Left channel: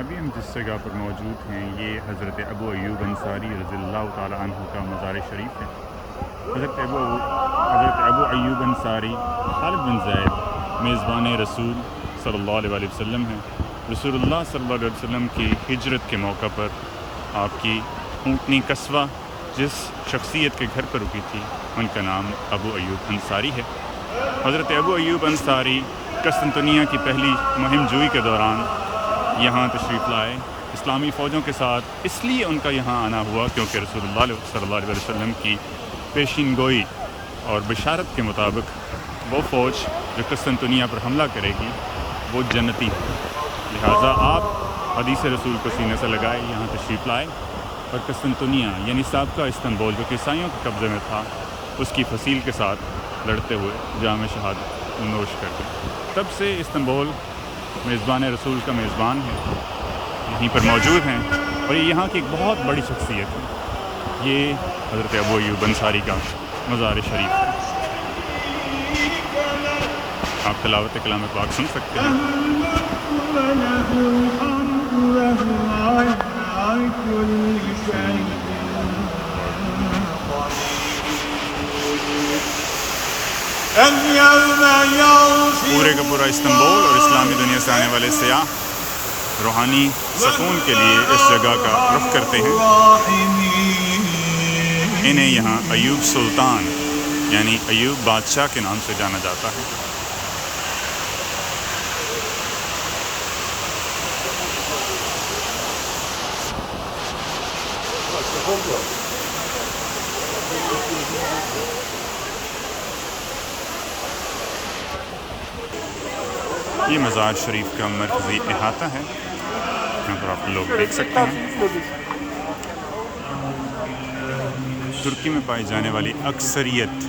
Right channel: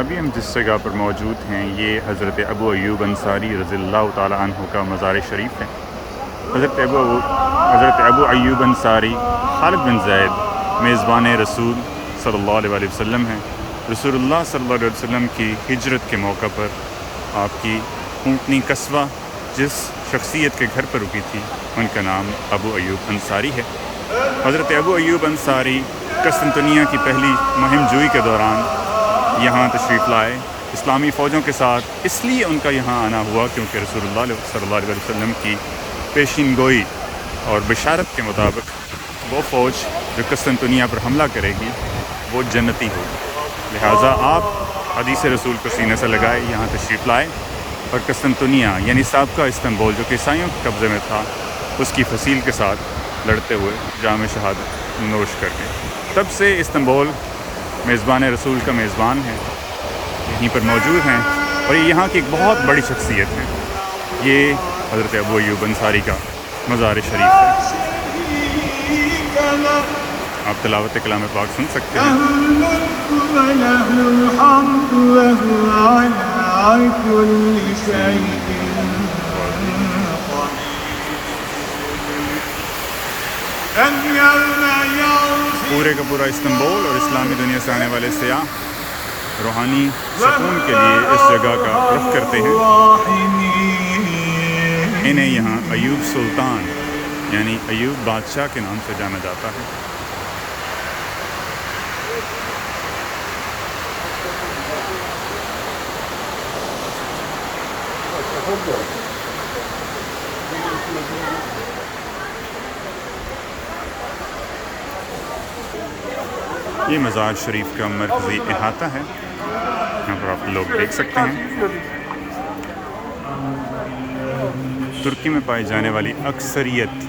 ابھی ہم جس جگہ پر موجود ہیں یہ حضرت ابو ایوب انصاری رضی اللہ تعالیٰ عنہ کا مزار شریف ہے۔ حضرت ابو ایوب انصاری خالد بن زید میزبان رسول صلی اللہ علیہ وسلم ہیں۔ رسول اللہ صلی اللہ علیہ وسلم کی ہجرت کے موقع پر آپ کی اونٹنی قصوہ جس شخصیت کے گھر پر رکی تھی ان کا نام ابو ایوب انصاری ہے۔ حضرت ابو ایوب انصاری قسطنطنیہ کی پہلی مہم جوئی کے دوران یہاں تشریف لائے اسلامی فوجوں کے ساتھ۔ اس لیے ان کا یہاں آنا ہوا کیونکہ رسول اللہ صلی اللہ علیہ وسلم کی پیشین گوئی اور بشارت کے مطابق وہ فوج جو قسطنطنیہ پر حملہ کرے گی وہ جنتی ہوگی، لہٰذا آپ حدیث رسول کو سینے سے لگائے یہاں تشریف لائے اور قسطنطنیہ یعنی سابقہ استنبول جو کہ عیسائیوں کے قبضے میں تھا اس کی فصیل کے ساتھ لڑتے ہوئے جام شہادت نوش کر گئے۔ تب سے استنبول میزبان رسول کا میزبان ہے، یہیں پر موجود ہیں اور یہ یہاں کی ایک بہت بڑی شخصیت ہے۔ یہ حضرت ابو ایوب انصاری کا مزار شریف ہے۔ آپ تلاوت کلام پاک سن سکتے ہیں۔ پورے کا پورا استنبول اور اسلامی دنیا سے آنے والے سیاح روحانی سکون کے لیے اس جگہ کا رخ کرتے ہیں۔ انہیں یہاں ایوب سلطان یعنی ایوب بادشاہ کے نام سے جانا جاتا ہے۔ یہ مزار شریف کا مرکزی احاطہ ہے، یہاں پر آپ لوگ دیکھ سکتے ہیں۔ ترکی میں پائی جانے والی اکثریت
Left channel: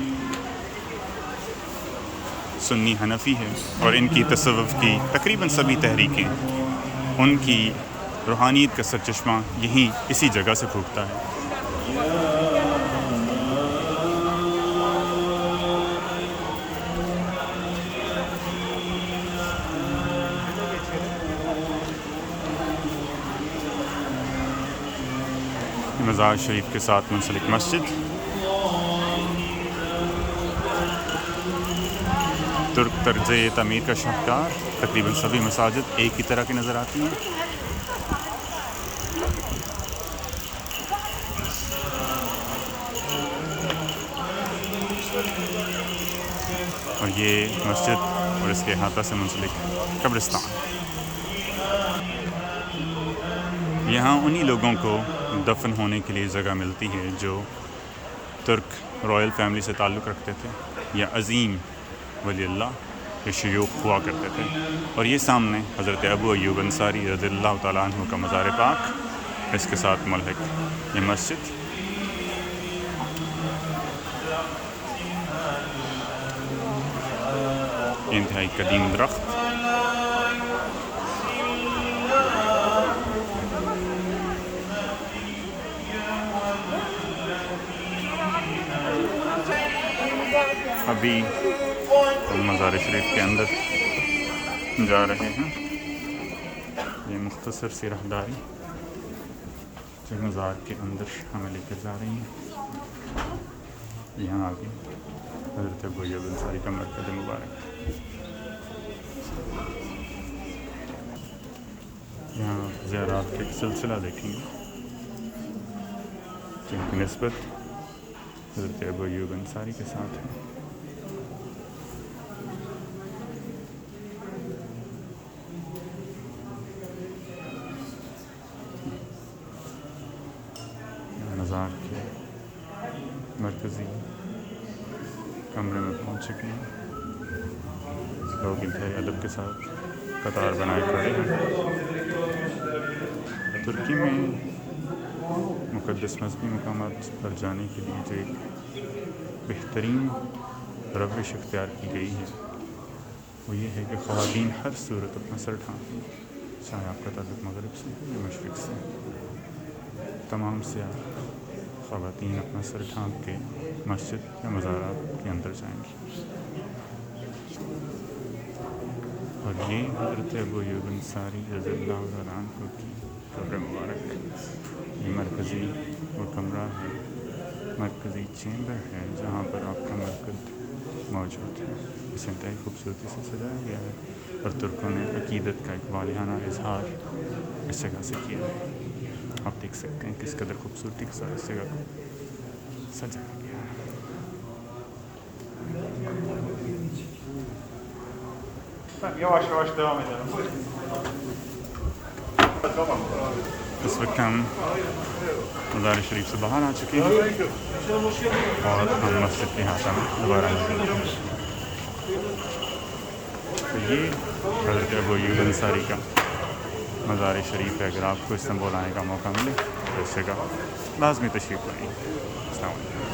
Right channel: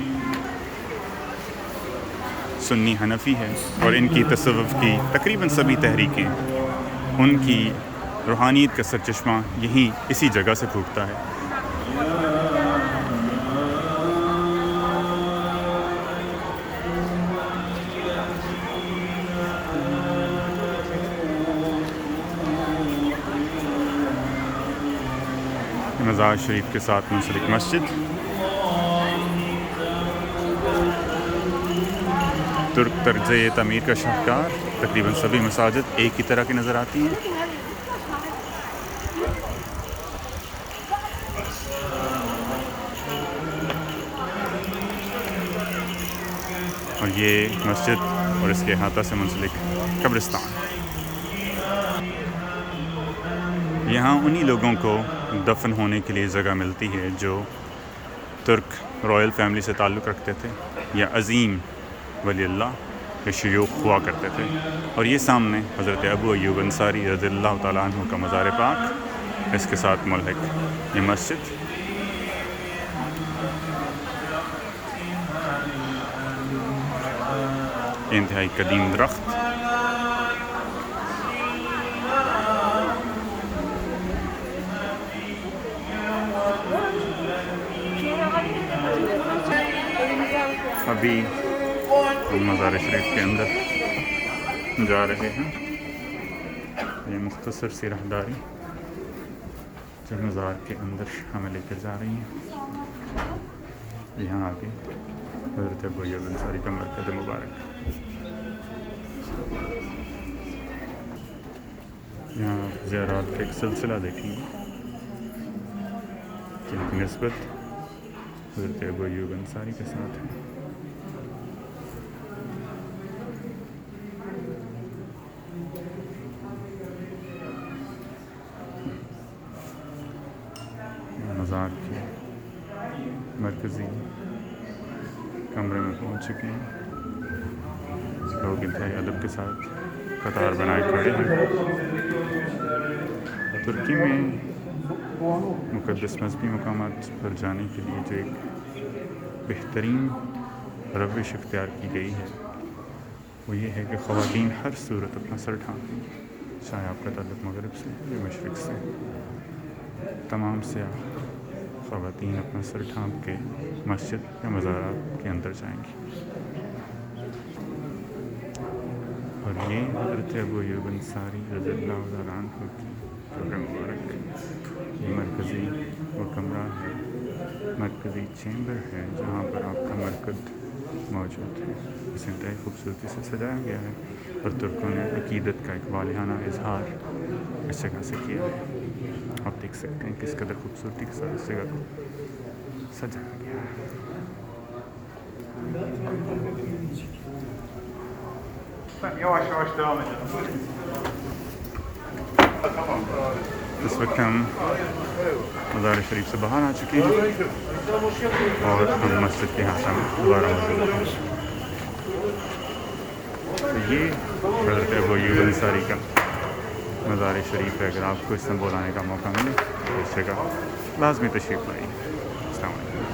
سنی حنفی ہے اور ان کی تصوف کی تقریباً سبھی تحریکیں ان کی روحانیت کا سرچشمہ یہیں اسی جگہ سے پھوٹتا ہے۔ مزار شریف کے ساتھ منسلک مسجد ترک طرز تعمیر کا شاہکار، تقریباً سبھی مساجد ایک ہی طرح کی نظر آتی ہیں۔ اور یہ مسجد اور اس کے احاطہ سے منسلک قبرستان، یہاں انہی لوگوں کو دفن ہونے کے لیے جگہ ملتی ہے جو ترک رائل فیملی سے تعلق رکھتے تھے یا عظیم ولی اللہ یا شیوخ ہوا کرتے تھے۔ اور یہ سامنے حضرت ابو ایوب انصاری رضی اللہ تعالیٰ عنہ کا مزار پاک، اس کے ساتھ ملحق یہ مسجد۔ انتہائی قدیم درخت، ابھی ہم مزار شریف کے اندر جا رہے ہیں۔ یہ مختصر سی راہداری جو مزار کے اندر ہمیں لے کر جا رہی ہیں۔ یہاں آگے حضرت ابو ایوب انصاری کا مرکز مبارک، یہاں آپ زیارات کا ایک سلسلہ دیکھیں گے جن کی نسبت حضرت ابو ایوب انصاری کے ساتھ ہے۔ مزار کے مرکزی کمرے میں پہنچ چکے ہیں، لوگ انتہائی ادب کے ساتھ قطار بنائے کھڑے ہیں۔ ترکی میں مقدس مذہبی مقامات پر جانے کے لیے جو ایک بہترین روش اختیار کی گئی ہے وہ یہ ہے کہ خواتین ہر صورت اپنا سر ڈھانپیں، چاہے آپ کا تعلق مغرب سے یا مشرق سے۔ تمام سیاح خواتین اپنا سر ڈھانپ کے مسجد یا مزارات کے اندر جائیں گی۔ اور یہ حضرت ابو ایوب انصاری رضی اللہ تعالیٰ عنہ کی قبر مبارک. یہ مرکزی وہ کمرہ ہے، مرکزی چیمبر ہے جہاں پر آپ کا مرکز موجود ہے. اس انتہائی خوبصورتی سے سجایا گیا ہے اور ترکوں نے عقیدت کا ایک والہانہ اظہار اس جگہ سے کیا ہے. آپ دیکھ سکتے ہیں کس قدر خوبصورتی کے ساتھ اس جگہ کو سجایا گیا ہے. اس وقت ہم مزار شریف سے باہر آ چکے ہیں اور ہم مسجد کے احاطہ میں دوبارہ موجود ہیں. تو یہ حضرت ابو ایوب انصاری کا مزار شریف ہے. اگر آپ کو استنبول آنے کا موقع ملے تو اس جگہ لازمی تشریف لائیے. السلام علیکم.